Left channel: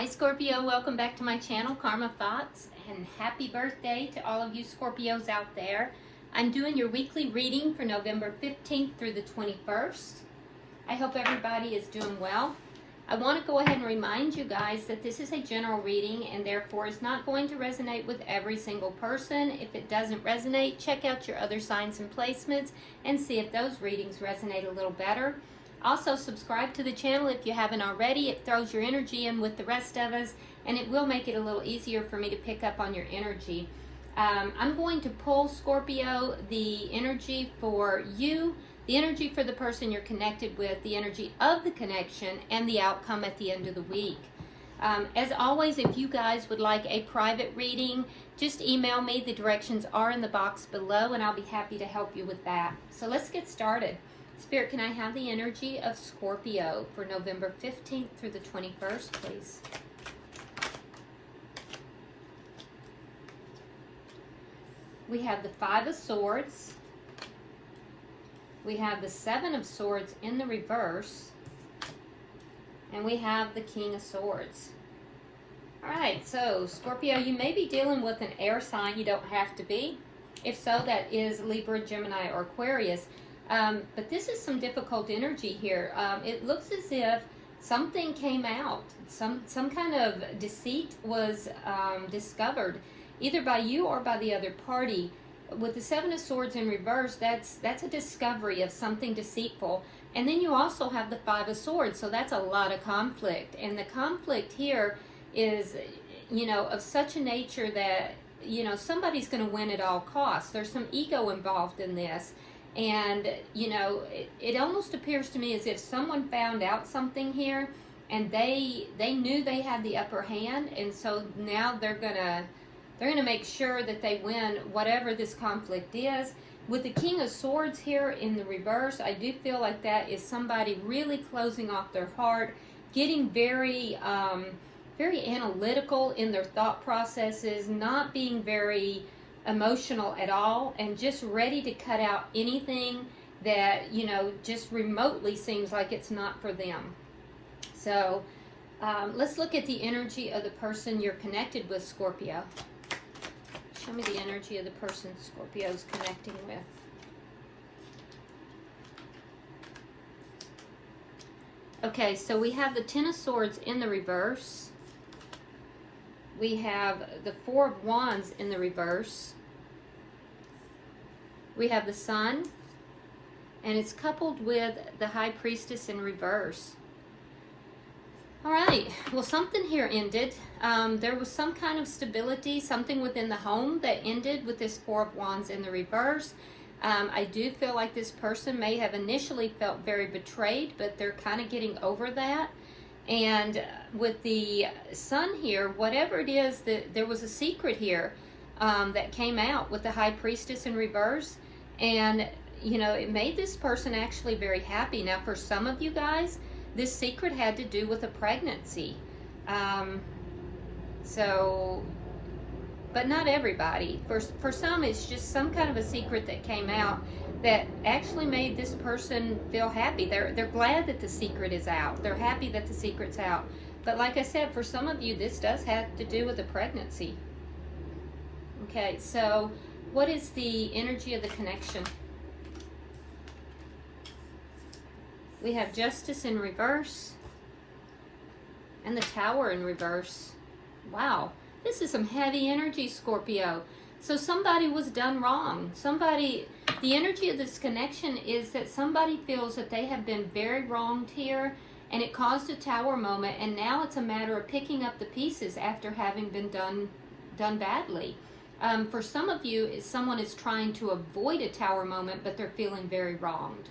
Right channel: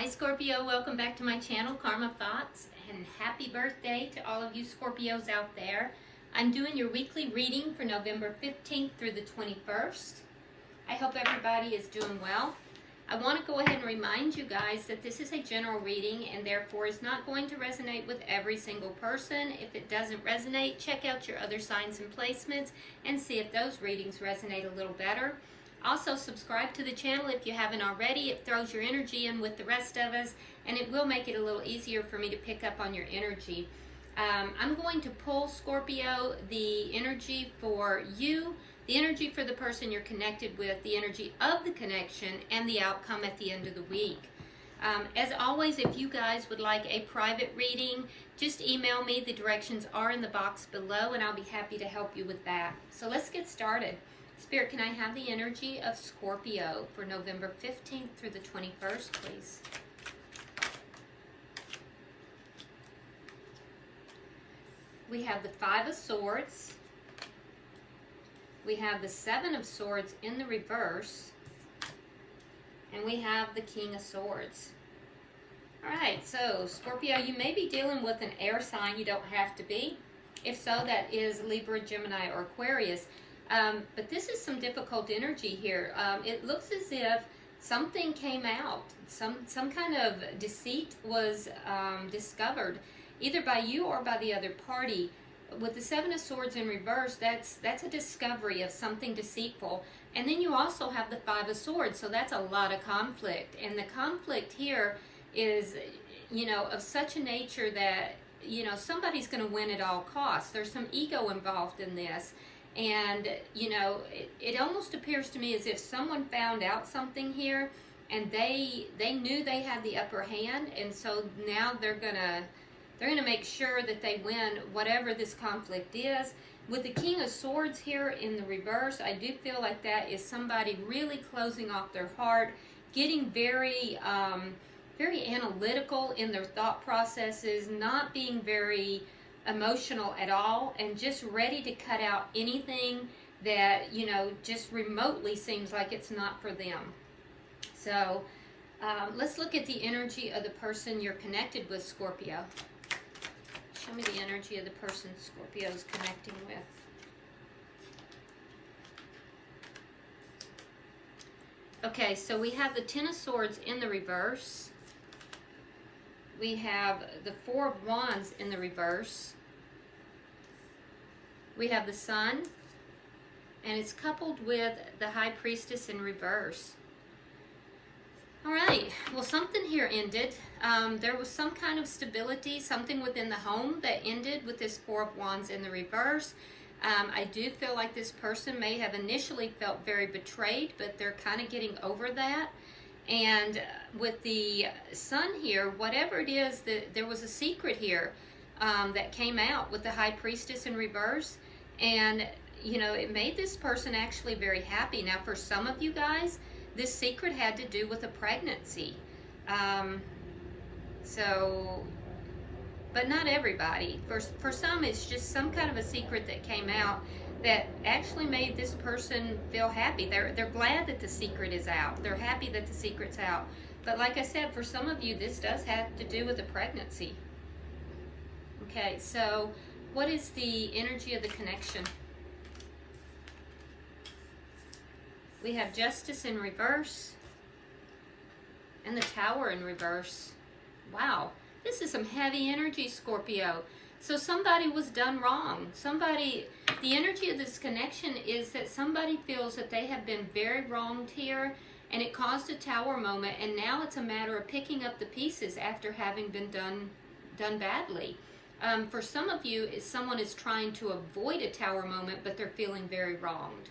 Hi Scorpio, welcome back to my channel, Karma Thoughts, and happy birthday to all of you Scorpios out there. I'm doing your weekly reading for November 15th through the 21st. I hope everybody is doing well. I want to go ahead and remind you guys that this is a general reading and therefore is not going to resonate with every single person. If it doesn't resonate, check out your other signs and placements and see if those readings resonate a little better. Also, subscribe to the channel if you haven't already. It throws your energy in with the rest of us, and it will make it a little easier for me to pick up on your energy. I'm going to pull, Scorpio, the energy for you, the energy for the person you're connected with, the energy of the connection, and the outcome at the end of the week. As always, if you guys would like a private reading, just email me. The directions are in the box below, and I'll be happy to help you with that. So let's get started. Spirit, can I have the energy of Scorpio for November 15th through the 21st, please? We have the Five of Swords. We have the Seven of Swords in the reverse. And we have the King of Swords. All right, so Scorpio, you may be dealing with an air sign. You don't have to be. If so, that is Libra, Gemini, or Aquarius. But this is some difficult energy here. It looks as if something came out. Some kind of deceit was discovered, either by you or by the other party. With the Seven of Swords in reverse, that's a discovery of something deceitful. And then you also have the Five of Swords, so that's a lot of conflict. And the conflict here is, of such a nature that, somebody's going to win at all costs. There's some ego involved in this. And, it almost appears to me as if someone found out something here and they knew they had the upper hand. And so now they're gonna make sure that they win whatever this conflict is. With the King of Swords here in the reverse, I do feel like that is somebody really closing off their heart, getting very, very analytical in their thought processes, not being very emotional at all, and just ready to cut out anything that just remotely seems like it's not for them. So let's look at the energy of the person you're connected with, Scorpio. Show me the energy of the person Scorpio's connecting with. Okay, so we have the Ten of Swords in the reverse. We have the Four of Wands in the reverse. We have the Sun, and it's coupled with the High Priestess in reverse. All right, well, something here ended. There was some kind of stability, something within the home that ended with this Four of Wands in the reverse. I do feel like this person may have initially felt very betrayed, but they're kind of getting over that. And with the Sun here, whatever it is, there was a secret here that came out with the High Priestess in reverse. And, it made this person actually very happy. Now, for some of you guys, this secret had to do with a pregnancy. But not everybody. For some, it's just some kind of a secret that came out that actually made this person feel happy. They're glad that the secret is out. They're happy that the secret's out. But like I said, for some of you, this does have to do with a pregnancy. Okay, so what is the energy of the connection? We have Justice in reverse and the Tower in reverse. Wow, this is some heavy energy, Scorpio. So somebody was done wrong. The energy of this connection is that somebody feels that they have been very wronged here, and it caused a Tower moment, and now it's a matter of picking up the pieces after having been done badly. For some of you, someone is trying to avoid a Tower moment, but they're feeling very wronged.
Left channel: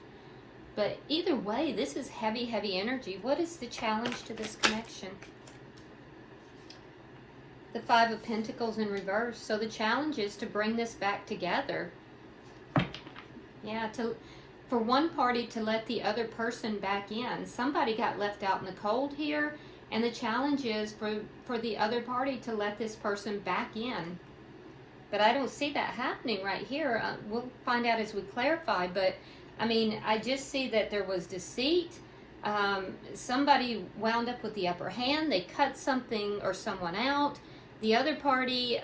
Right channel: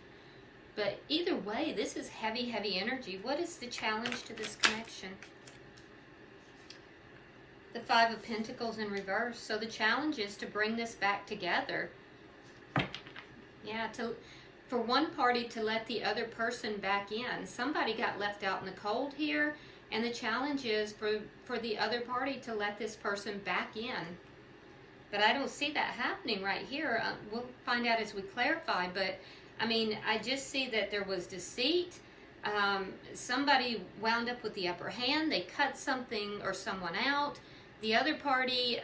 But either way, this is heavy, heavy energy. What is the challenge to this connection? The Five of Pentacles in reverse. So the challenge is to bring this back together. Yeah, for one party to let the other person back in. Somebody got left out in the cold here, and the challenge is for the other party to let this person back in. But I don't see that happening right here. We'll find out as we clarify, but I mean, I just see that there was deceit. Somebody wound up with the upper hand. They cut something or someone out. The other party,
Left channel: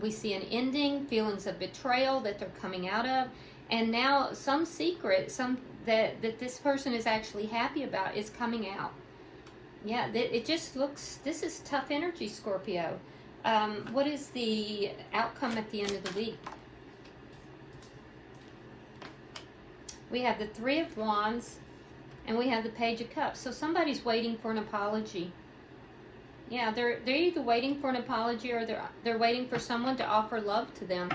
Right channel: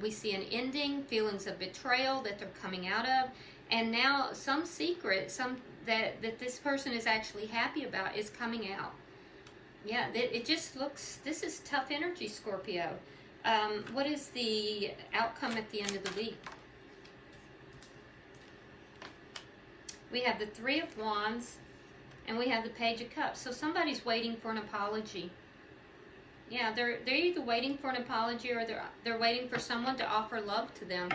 we see an ending, feelings of betrayal that they're coming out of. And now some secret, that this person is actually happy about is coming out. Yeah, it just looks, this is tough energy, Scorpio. What is the outcome at the end of the week? We have the Three of Wands, and we have the Page of Cups. So somebody's waiting for an apology. Yeah, they're either waiting for an apology or they're waiting for someone to offer love to them.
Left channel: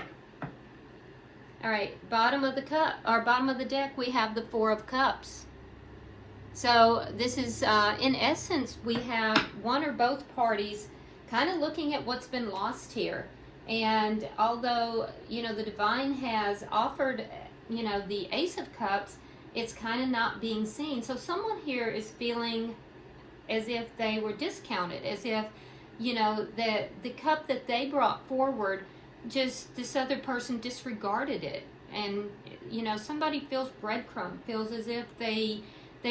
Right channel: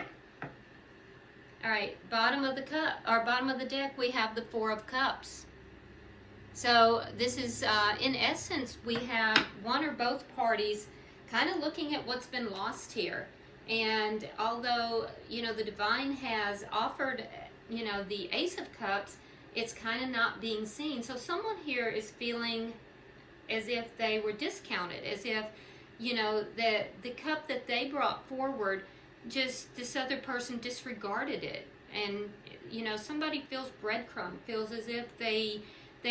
All right, bottom of the deck, we have the Four of Cups. So this is, in essence, we have one or both parties kind of looking at what's been lost here. And although, you know, the divine has offered, you know, the Ace of Cups, it's kind of not being seen. So someone here is feeling as if they were discounted, as if, you know, the cup that they brought forward, just this other person disregarded it. And, you know, somebody feels breadcrumb, feels as if they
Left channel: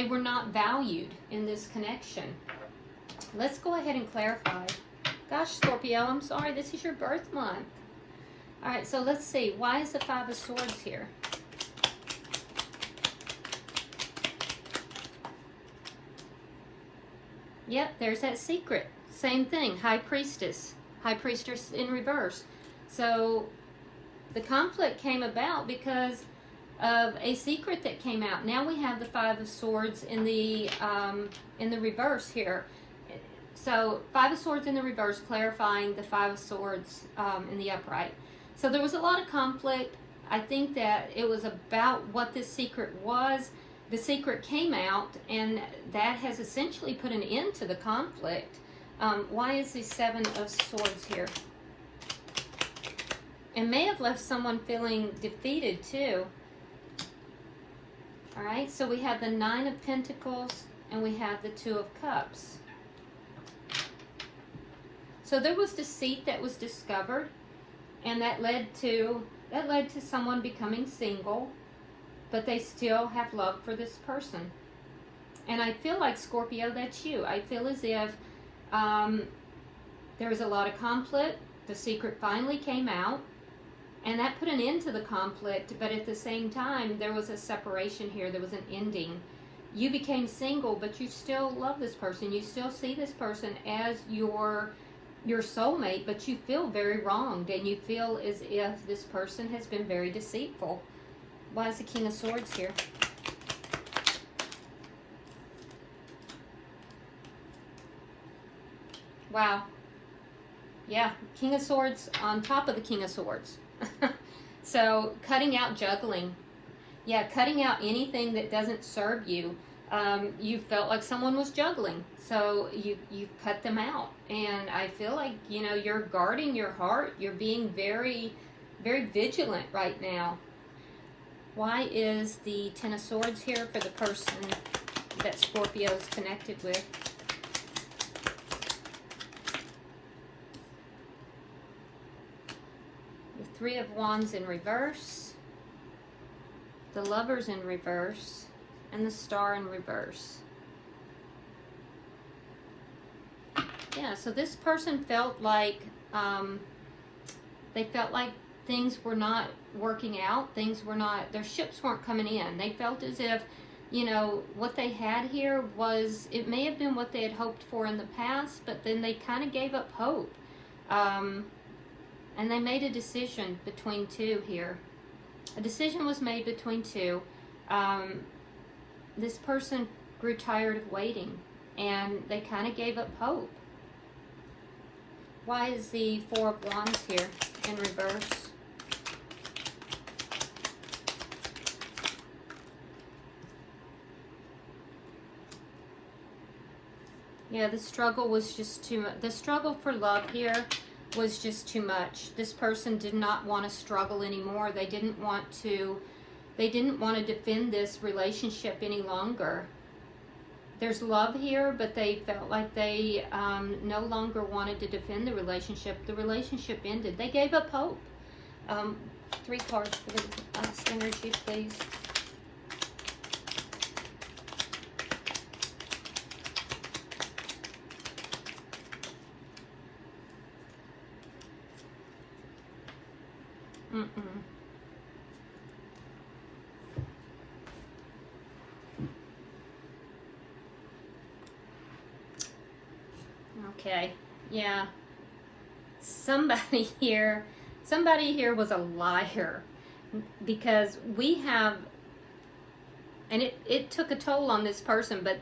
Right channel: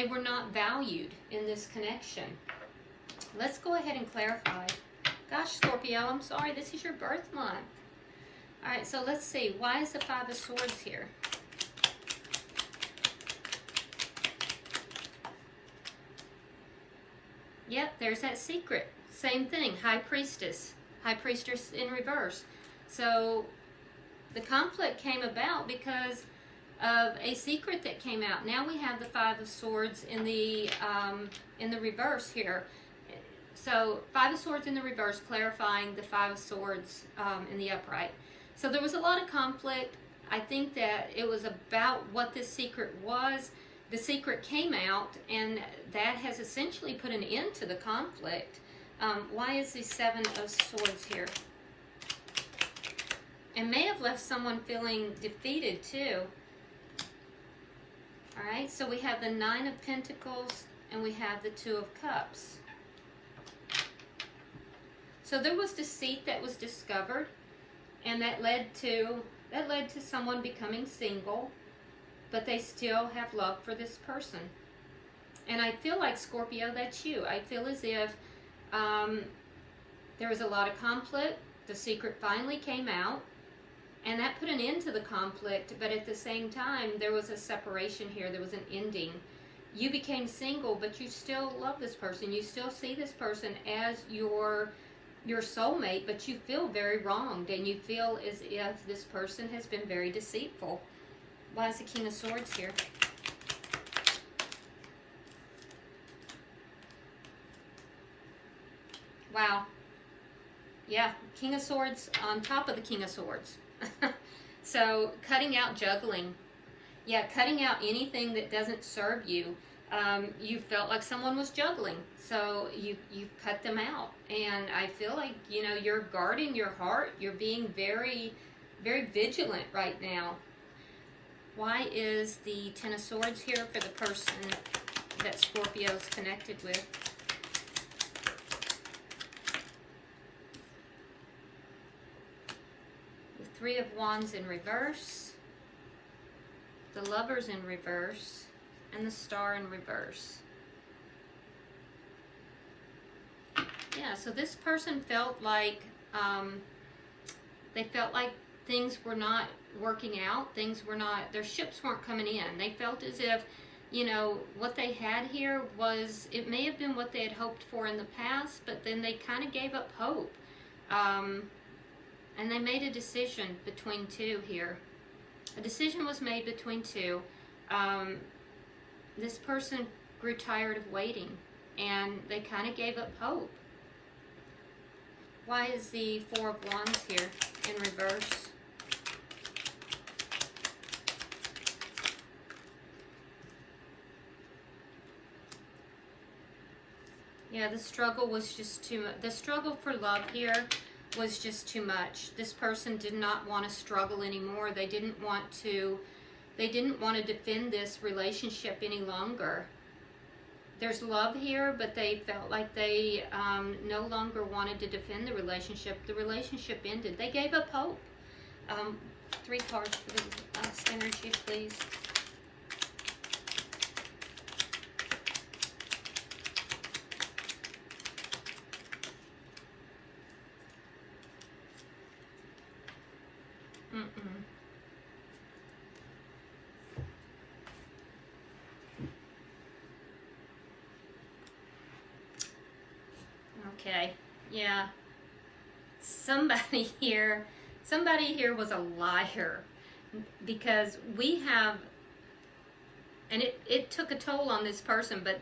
were not valued in this connection. Let's go ahead and clarify. Gosh, Scorpio, I'm sorry, this is your birth month. All right, so let's see. Why is the Five of Swords here? Yep, there's that secret. Same thing, High Priestess. High Priestess in reverse. So the conflict came about because of a secret that came out. Now we have the Five of Swords in the reverse here. So Five of Swords in the reverse, clarifying the Five of Swords in the upright. So there was a lot of conflict. I think that it was about what this secret was. The secret came out, and that has essentially put an end to the conflict. Why is the Seven of Swords here? It may have left someone feeling defeated too. All right, so we have the Nine of Pentacles, and we have the Two of Cups. So there was deceit that was discovered, and that led to someone becoming single, but they still have love for this person. And I feel like, Scorpio, that's you. I feel as if there was a lot of conflict. The secret finally came out, and that put an end to the conflict, but at the same time, there was a separation here. There was an ending. You became single, but you still love this person. You still see this person as your soulmate, but you feel very wronged, and you feel as if this person has been very deceitful. Why is the King of Swords here? Wow. Yeah, King of Swords on top of the King of Swords. So, cutting out juggling. Yeah, cutting out anything that doesn't serve you. You felt like someone was juggling, so you cut them out. And I feel like, you know, you're guarding your heart. You're being very, very vigilant right now. Why is the Ten of Swords here for the person that Scorpio is connected with? The Three of Wands in reverse, the Lovers in reverse, and the Star in reverse. Yeah, so this person felt like they felt like things were not working out. Things were not, their ships weren't coming in. They felt as if, you know, what they had here was, it may have been what they had hoped for in the past, but then they kind of gave up hope. And they made a decision between two here. A decision was made between two. This person grew tired of waiting, and they kind of gave up hope. Why is the Four of Wands here in reverse? Yeah, the struggle was just too much. The struggle for love here was just too much. This person did not want to struggle anymore. They didn't want to defend this relationship any longer. There's love here, but they felt like they no longer wanted to defend the relationship. The relationship ended. They gave up hope. 3 cards for the last energy, please. Okay, yeah. Somebody here was a liar, because we have, and it took a toll on this person, but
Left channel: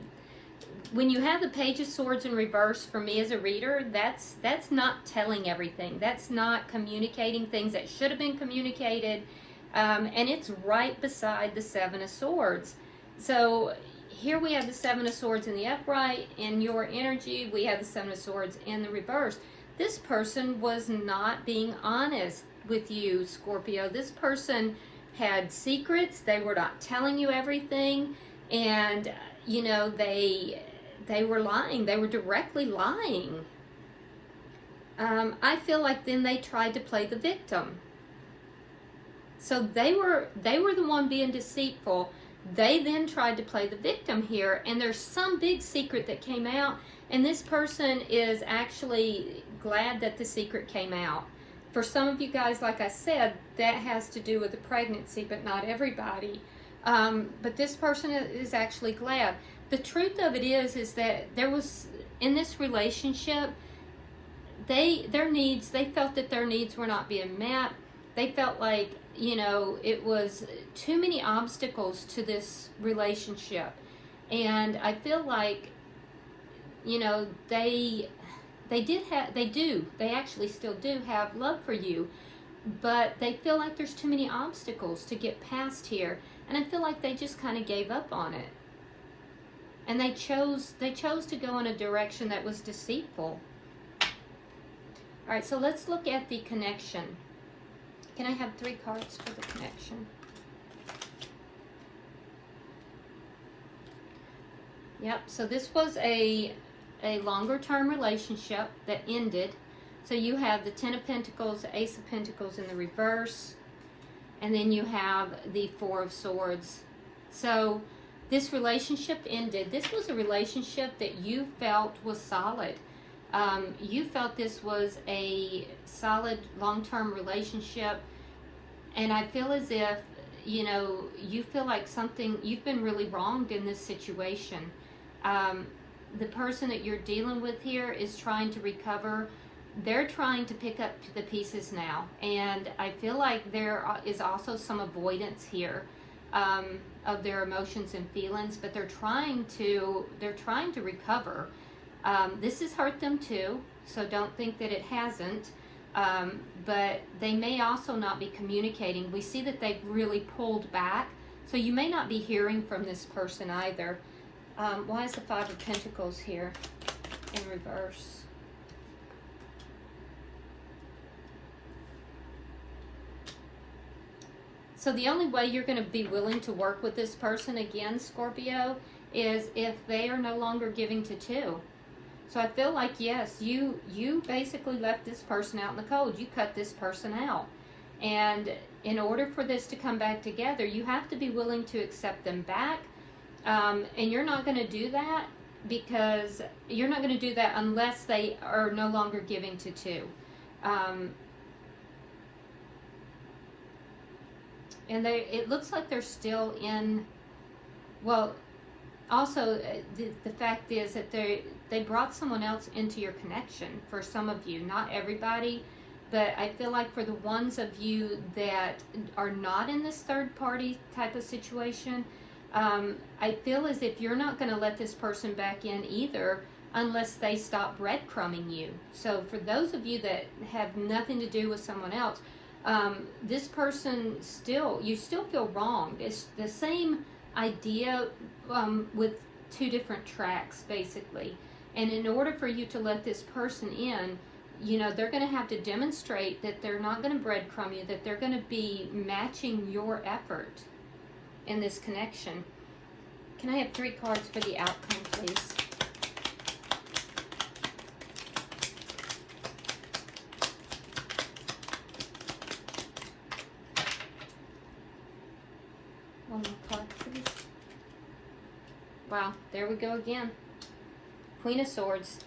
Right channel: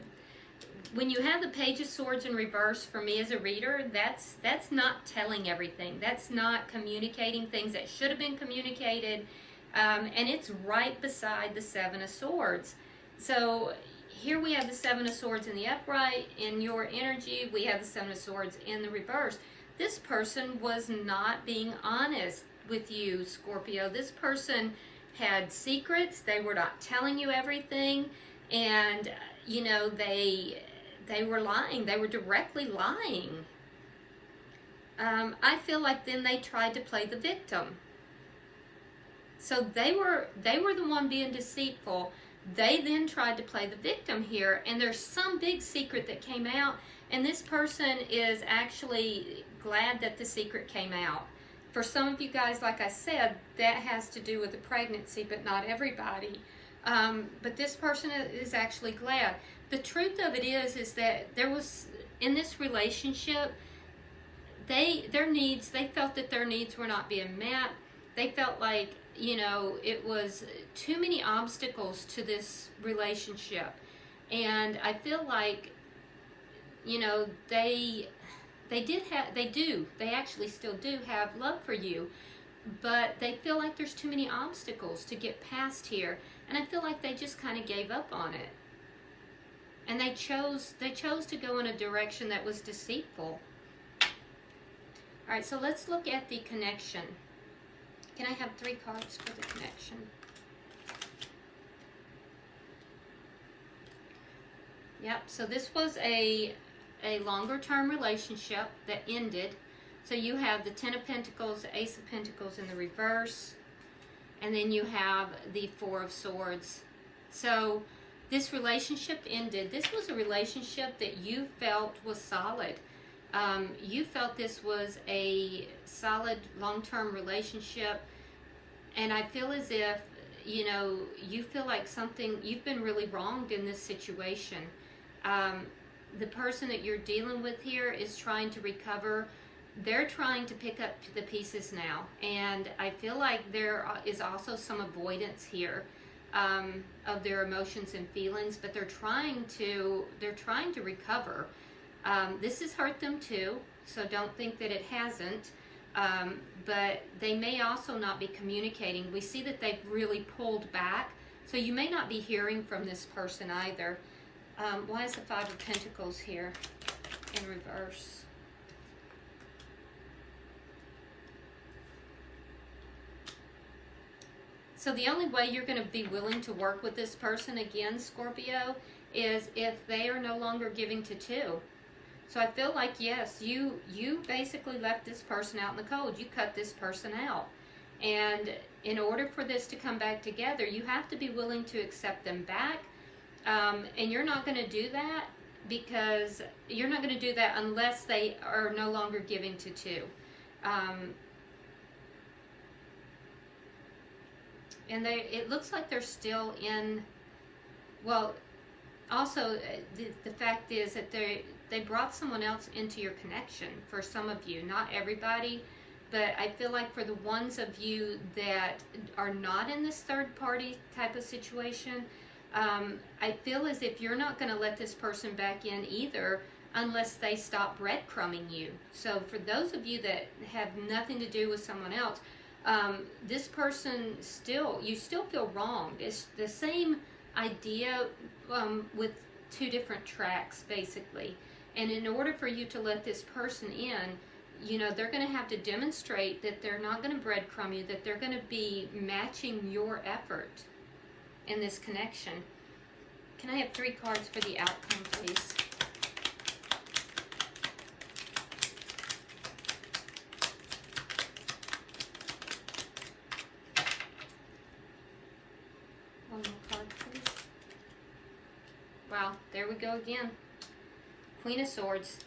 when you have the Page of Swords in reverse, for me as a reader, that's not telling everything. That's not communicating things that should have been communicated. And it's right beside the Seven of Swords. So here we have the Seven of Swords in the upright. In your energy, we have the Seven of Swords in the reverse. This person was not being honest with you, Scorpio. This person had secrets. They were not telling you everything. And, you know, they were lying. They were directly lying. I feel like then they tried to play the victim. So they were the one being deceitful. They then tried to play the victim here, and there's some big secret that came out, and this person is actually glad that the secret came out. For some of you guys, like I said, that has to do with the pregnancy, but not everybody. But this person is actually glad. The truth of it is that there was, in this relationship, they felt that their needs were not being met. They felt like, you know, it was too many obstacles to this relationship. And I feel like, you know, they actually still do have love for you, but they feel like there's too many obstacles to get past here. And I feel like they just kind of gave up on it. And they chose to go in a direction that was deceitful. All right, so let's look at the connection. Can I have 3 cards for the connection? Yep, so this was a longer term relationship that ended. So you have the Ten of Pentacles, the Ace of Pentacles in the reverse, and then you have the Four of Swords. So this relationship ended. This was a relationship that you felt was solid. You felt this was a solid long-term relationship, and I feel as if, you know, you feel like you've been really wronged in this situation. The person that you're dealing with here is trying to recover. They're trying to pick up the pieces now, and I feel like there is also some avoidance here of their emotions and feelings, but they're trying to recover. This has hurt them too, so don't think that it hasn't. But they may also not be communicating. We see that they've really pulled back, so you may not be hearing from this person either. Why is the Five of Pentacles here in reverse? So the only way you're going to be willing to work with this person again, Scorpio, is if they are no longer giving to 2. So I feel like, yes, you basically left this person out in the cold. You cut this person out. And in order for this to come back together, you have to be willing to accept them back. And you're not going to do that because you're not going to do that unless they are no longer giving to 2. And it looks like they're still in, well, also the fact is that they brought someone else into your connection for some of you, not everybody, but I feel like for the ones of you that are not in this third party type of situation, I feel as if you're not going to let this person back in either unless they stop breadcrumbing you. So for those of you that have nothing to do with someone else, this person you still feel wrong. It's the same idea with 2 different tracks basically. And in order for you to let this person in, you know, they're going to have to demonstrate that they're not going to breadcrumb you, that they're going to be matching your effort in this connection. Can I have 3 cards for the outcome, please? One more card, please. Wow, there we go again. Queen of Swords.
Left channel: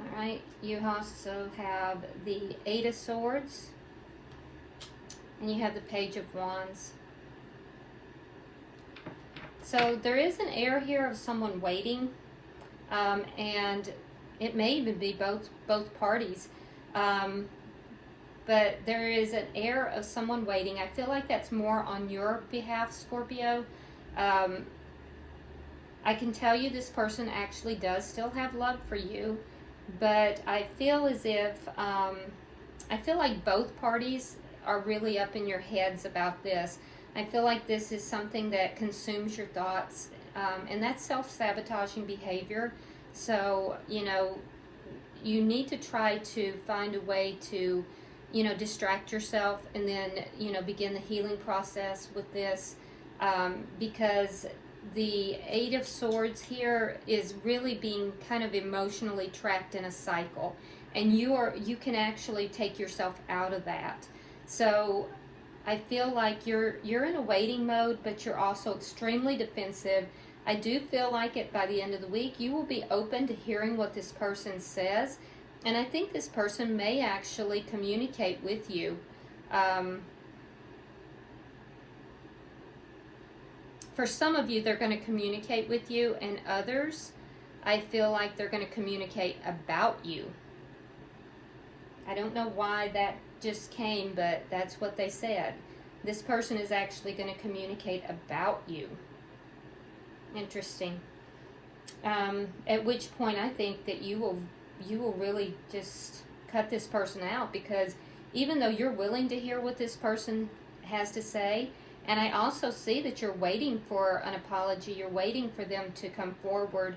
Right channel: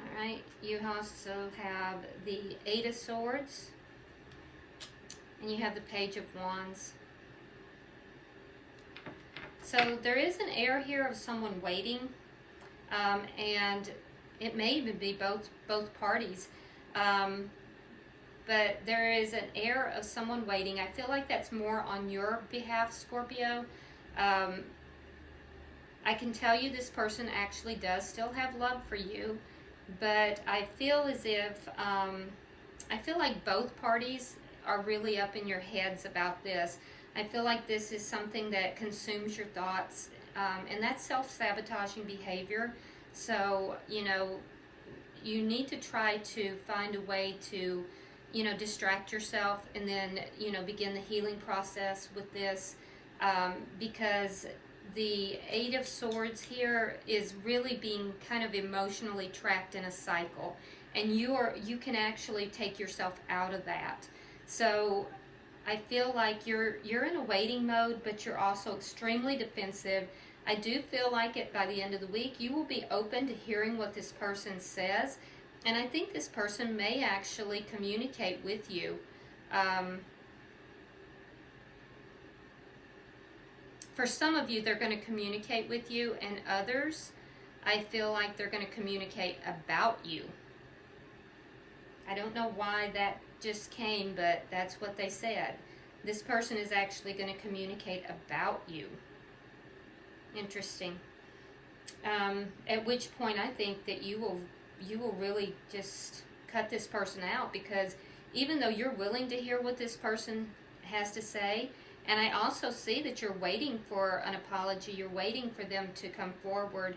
Alright, you also have the 8 of Swords. And you have the Page of Wands. So there is an air here of someone waiting, and it may even be both parties. But there is an air of someone waiting. I feel like that's more on your behalf, Scorpio. I can tell you this person actually does still have love for you, but I feel as if, I feel like both parties are really up in your heads about this. I feel like this is something that consumes your thoughts, and that's self-sabotaging behavior. So, you know, you need to try to find a way to, you know, distract yourself and then, you know, begin the healing process with this, because the Eight of Swords here is really being kind of emotionally trapped in a cycle, and you can actually take yourself out of that. So I feel like you're in a waiting mode, but you're also extremely defensive. I do feel like by the end of the week, you will be open to hearing what this person says, and I think this person may actually communicate with you. For some of you, they're going to communicate with you, and others, I feel like they're going to communicate about you. I don't know why that just came, but that's what they said. This person is actually going to communicate about you. Interesting. At which point, I think that you will really just cut this person out, because even though you're willing to hear what this person has to say, and I also see that you're waiting for an apology, you're waiting for them to come forward.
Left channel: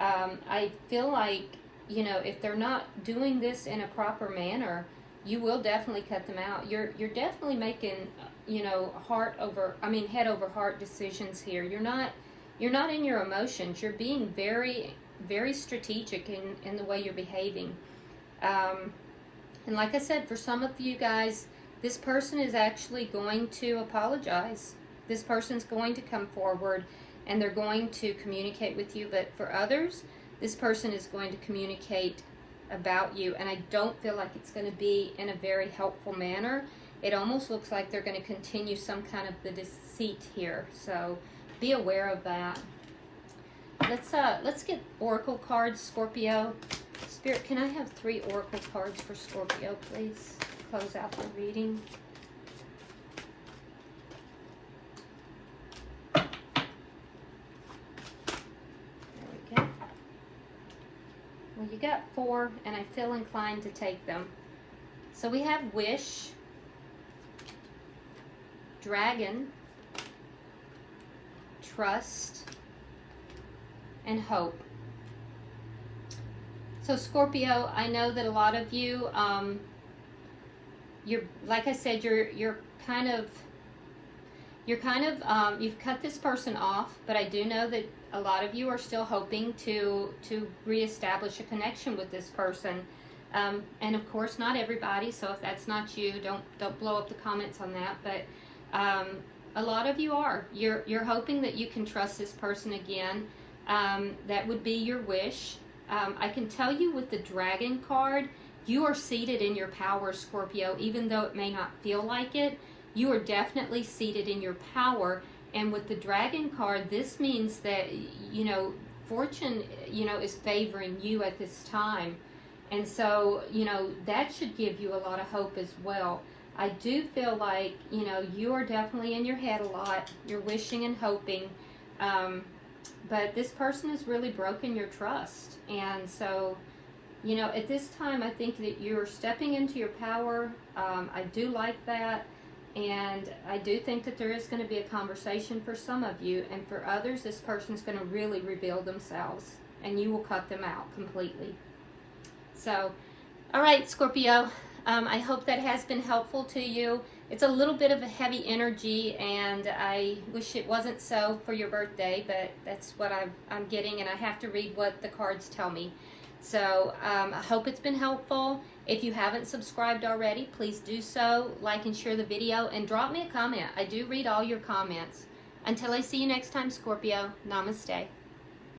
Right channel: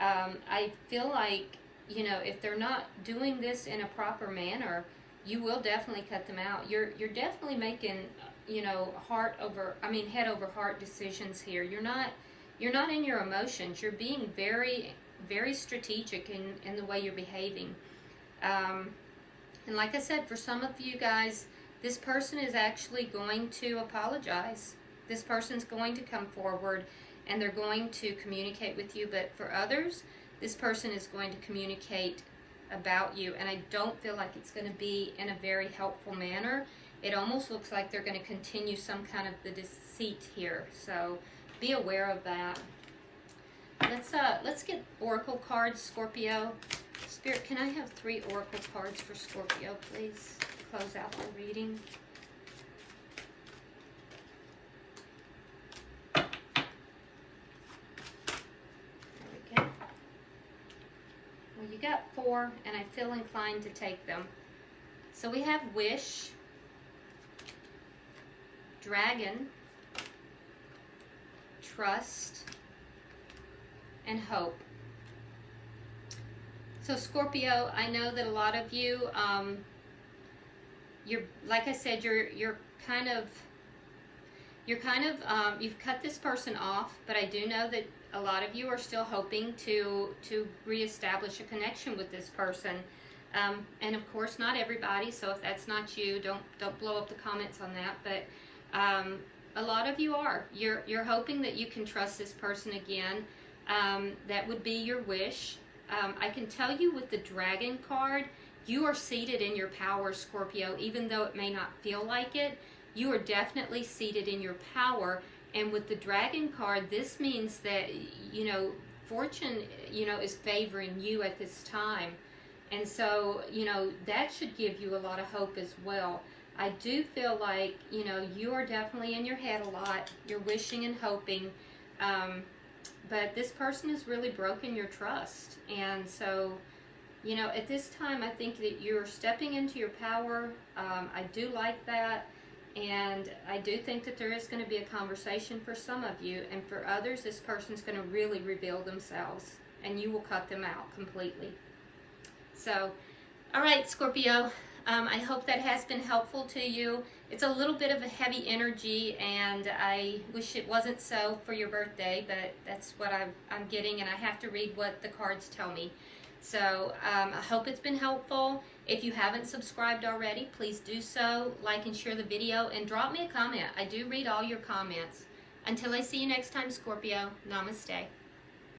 I feel like, you know, if they're not doing this in a proper manner, you will definitely cut them out. You're definitely making, you know, head over heart decisions here. You're not in your emotions. You're being very, very strategic in the way you're behaving. And like I said, for some of you guys, this person is actually going to apologize. This person's going to come forward and they're going to communicate with you. But for others, this person is going to communicate about you. And I don't feel like it's going to be in a very helpful manner. It almost looks like they're going to continue some kind of the deceit here. So be aware of that. Let's get oracle cards, Scorpio. Spirit, can I have 3 oracle cards for Scorpio, please? Close out the reading. There we go. Well, you got 4, and I feel inclined to take them. So we have Wish, Dragon, Trust, and Hope. So Scorpio, I know that a lot of you, like I said, you've cut this person off, but I do know that a lot of you are still hoping to reestablish a connection with this person. And of course, not everybody. So if that's not you, don't blow up the comments on that. But a lot of you are. You're hoping that you can trust this person again. That would be your wish. I can tell you with the Dragon card, you are seated in your power, Scorpio. Even though it may not feel like it, you are definitely seated in your power. And with the Dragon card, this means that, you know, fortune, you know, is favoring you at this time. And so, you know, that should give you a lot of hope as well. I do feel like, you know, you are definitely in your head a lot. You're wishing and hoping. But this person has really broken your trust. And so, you know, at this time, I think that you're stepping into your power. I do like that. And I do think that there is going to be a conversation for some of you. And for others, this person's going to really reveal themselves. And you will cut them out completely. So, all right, Scorpio. I hope that has been helpful to you. It's a little bit of a heavy energy, and I wish it wasn't so for your birthday, but that's what I'm getting, and I have to read what the cards tell me. So I hope it's been helpful. If you haven't subscribed already, please do so. Like and share the video, and drop me a comment. I do read all your comments. Until I see you next time, Scorpio, namaste.